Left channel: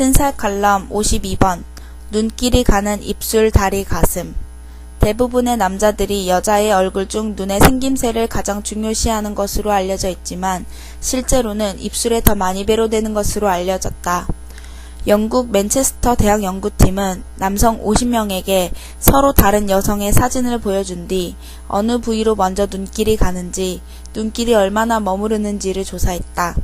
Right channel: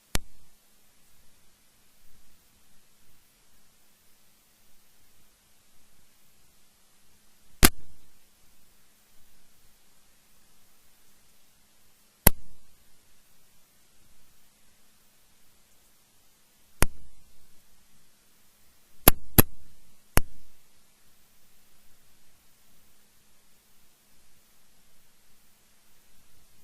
튼살 칼럼 52번 눈길이 가는 입술, 다리, 가슴. 대부분의 남자들이 여자의 얼굴 중 눈의 생김새를 가장 중요시하는 것으로 알려져 있지만 실제로는 입술에 더 많이 배로되는 것으로 알려졌다. 영국 맨체스터 대학 연구팀은 남성 50명에게 서로 다른 여성의 사진을 보여준 뒤 어느 부위로 먼저 눈길이 가는지, 눈길이 얼마나 머무르는지를 조사했다.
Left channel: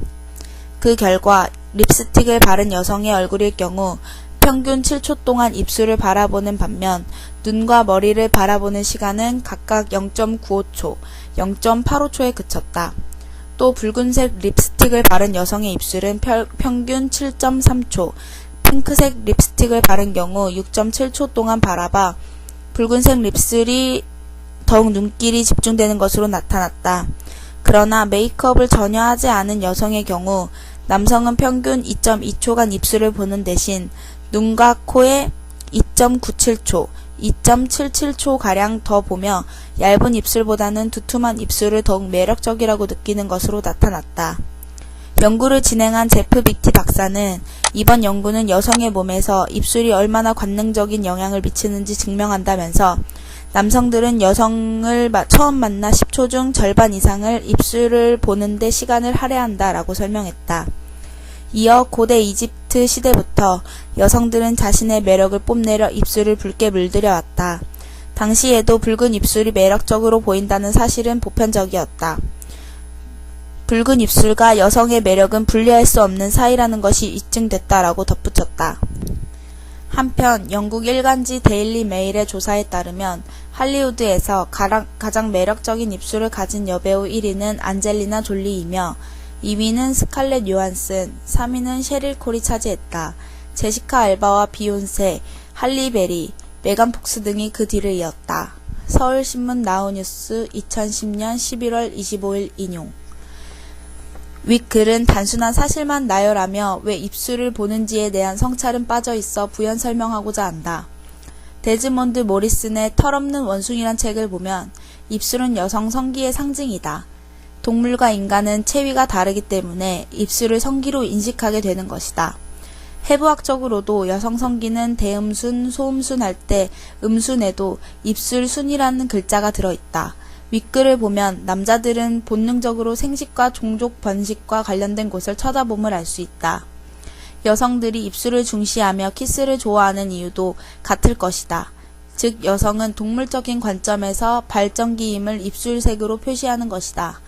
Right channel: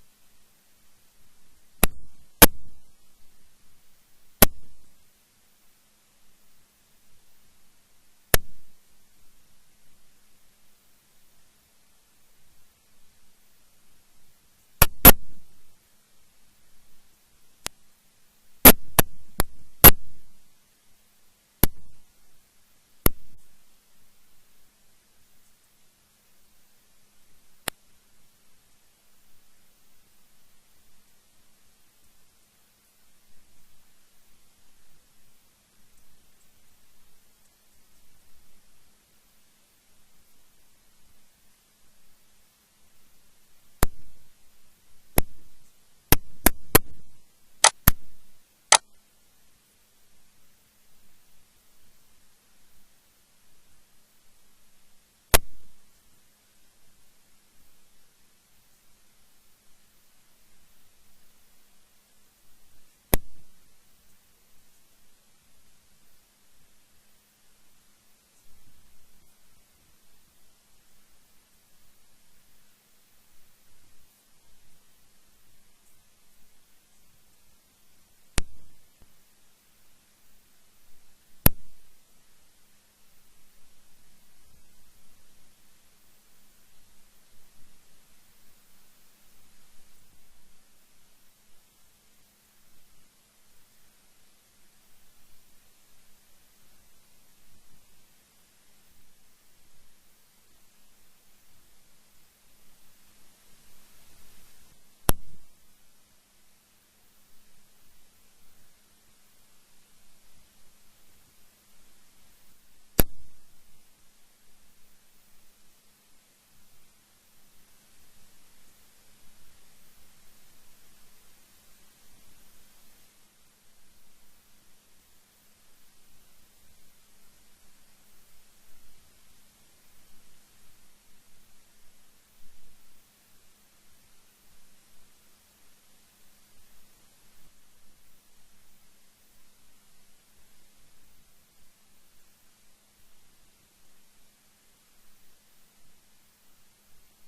그 결과 립스틱을 바른 여성의 얼굴일 경우 평균 7초 동안 입술을 바라보는 반면 눈과 머리를 바라보는 시간은 각각 0.95초, 0.85초에 그쳤다. 또 붉은색 립스틱을 바른 여성의 입술은 평균 7.3초, 핑크색 립스틱을 바른 경우 6.7초 동안 바라봐 붉은색 립술이 더욱 눈길이 집중되는 것으로 나타났다. 그러나 메이크업을 전혀 하지 않은 여성의 경우 남성은 평균 2.2초간 입술을 보는 대신 눈과 코에 2.97초, 2.77초가량 더 보며 얇은 입술보다는 두툼한 입술을 더욱 매력적이라고 느끼는 것으로 나타났다. 연구를 진행한 제프 비티 박사는 이번 연구는 여성의 몸에서 입술이 얼마나 관능적인 영향을 미치는지 증명한다면서 남성들은 여성을 처음 만나 10초 중 절반 이상을 입술을 보는데 시간을 할애한다 라고 설명했다. 이어 고대 이집트 시대부터 여성들은 자신의 매력을 뽐내려 입술을 붉게 물들여 왔다. 당시에도 붉은 입술이 매력적으로 보인다는 사실은 보편적이었다. 붉은 입술과 여성의 매력은 분리할 수 없는 사이라는 것이 입증됐다라고 덧붙였다. 한편 영국 일간지 데일리 메일의 조사에 따르면 할리우드에서 가장 매력적인 입술을 가진 여배우 1위는 안젤리나 졸리이며 2위는 스칼렛 요한슨, 3위는 셰릴 콜이 차지했다. 제시카 알바와 비욘세, 할리베리, 메간 폭스 등이 그 뒤를 이었다. 서울신문 나우뉴스 2010년 11월 25일 인용. 윗글은 단순한 사실만 나열하며 왜 입술을 보는지에 대한 성찰은 빠져있어 부연 설명하고자 한다. 데즈몬드 모리슨의 털없는 원숭이란 책을 보면 입술은 여성 성기의 상징이다. 동물과 인간은 체위가 다르기 때문에 입술을 성기로 인식하게 되는 것이다. 해부학적으로도 여성 성기는 대음순, 소음순 할 때 음순에도 입술순이라는 글자가 들어있다. 윗글을 보면 남자들은 본능적으로 생식과 종족 번식과 관련된 곳을 쳐다봄을 알 수 있다. 여성들이 입술을 중시하며 키스를 좋아하는 이유도 같을 것이다. 즉 여성은 동물적인 관점에서 발전기임을 입술색으로 표시하는 것이다.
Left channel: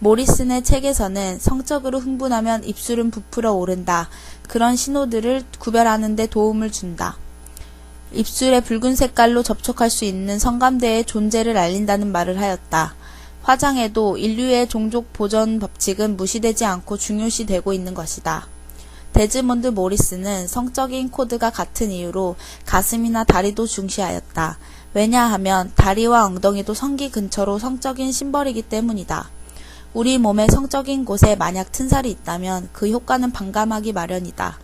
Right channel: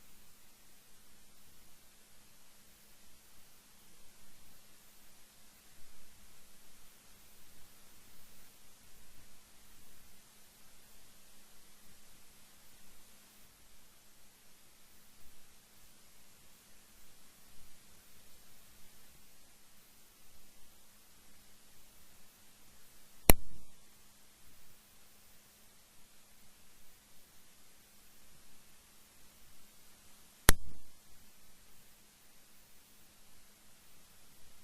모리슨의 책에서는 성적으로 흥분하면 입술은 부풀어 오른다. 그런 신호들을 구별하는 데 도움을 준다. 입술의 붉은 색깔로 접촉할 수 있는 성감대의 존재를 알린다는 말을 하였다. 화장에도 인류의 종족 보존 법칙은 무시되지 않고 중요시되고 있는 것이다. 데즈몬드 모리스는 성적인 코드가 같은 이유로 가슴이나 다리도 중시하였다. 왜냐하면 다리와 엉덩이도 성기 근처로 성적인 심벌이기 때문이다. 우리 몸의 성적인 곳에 만약 튼살이 있다면 그 효과는 반감하기 마련이다.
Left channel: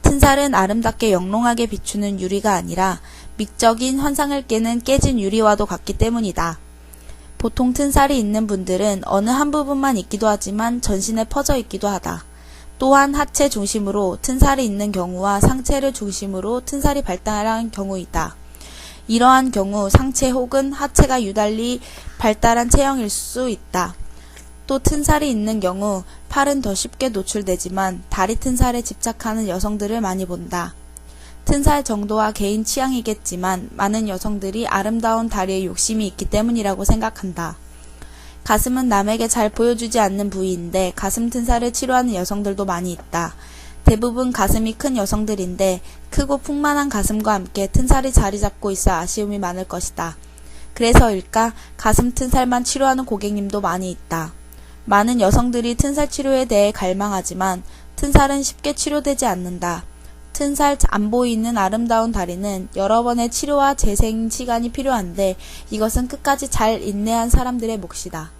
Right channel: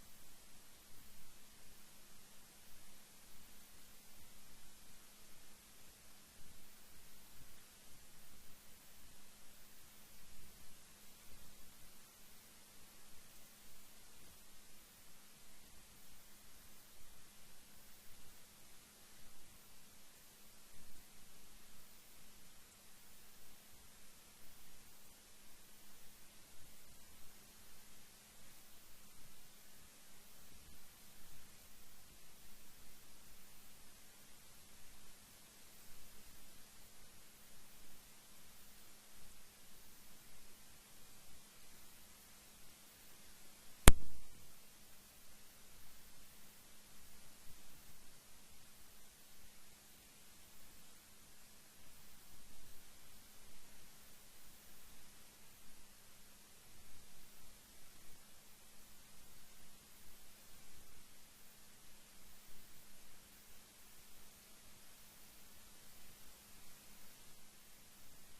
튼살은 아름답게 영롱하게 비추는 유리가 아니라 미적인 환상을 깨는 깨진 유리와도 같기 때문이다. 보통 튼살이 있는 분들은 어느 한 부분만 있기도 하지만 전신에 퍼져 있기도 하다. 또한 하체 중심으로 튼살이 있는 경우와 상체를 중심으로 튼살이 발달한 경우이다. 이러한 경우 상체 혹은 하체가 유달리 발달한 체형일 수 있다. 또 튼살이 있는 경우 팔은 더 쉽게 노출되지만 다리 튼살에 집착하는 여성들을 많이 본다. 튼살 정도와 개인 취향이겠지만 많은 여성들이 아름다운 다리에 욕심이 있기 때문이라고 생각한다. 가슴은 남에게 잘 보여주지 않는 부위인데 가슴 튼살을 치료하는 여성들도 많이 있다. 대부분 가슴이 큰 여성들인데 크고 풍만한 가슴과 함께 튼살이 자리 잡고 있어 아쉬움이 많을 것이다. 그래서일까 가슴 튼살만 치료하는 고객님도 많이 있다. 많은 여성들이 튼살 치료에 대해 갈망하지만 튼살은 쉽게 치료되지 않는다. 튼살 안 보이는 아름다운 다리는 여러 번의 치료와 재생 시간이 필요한데 이것은 끝까지 잘 인내한 사람들의 몫이다.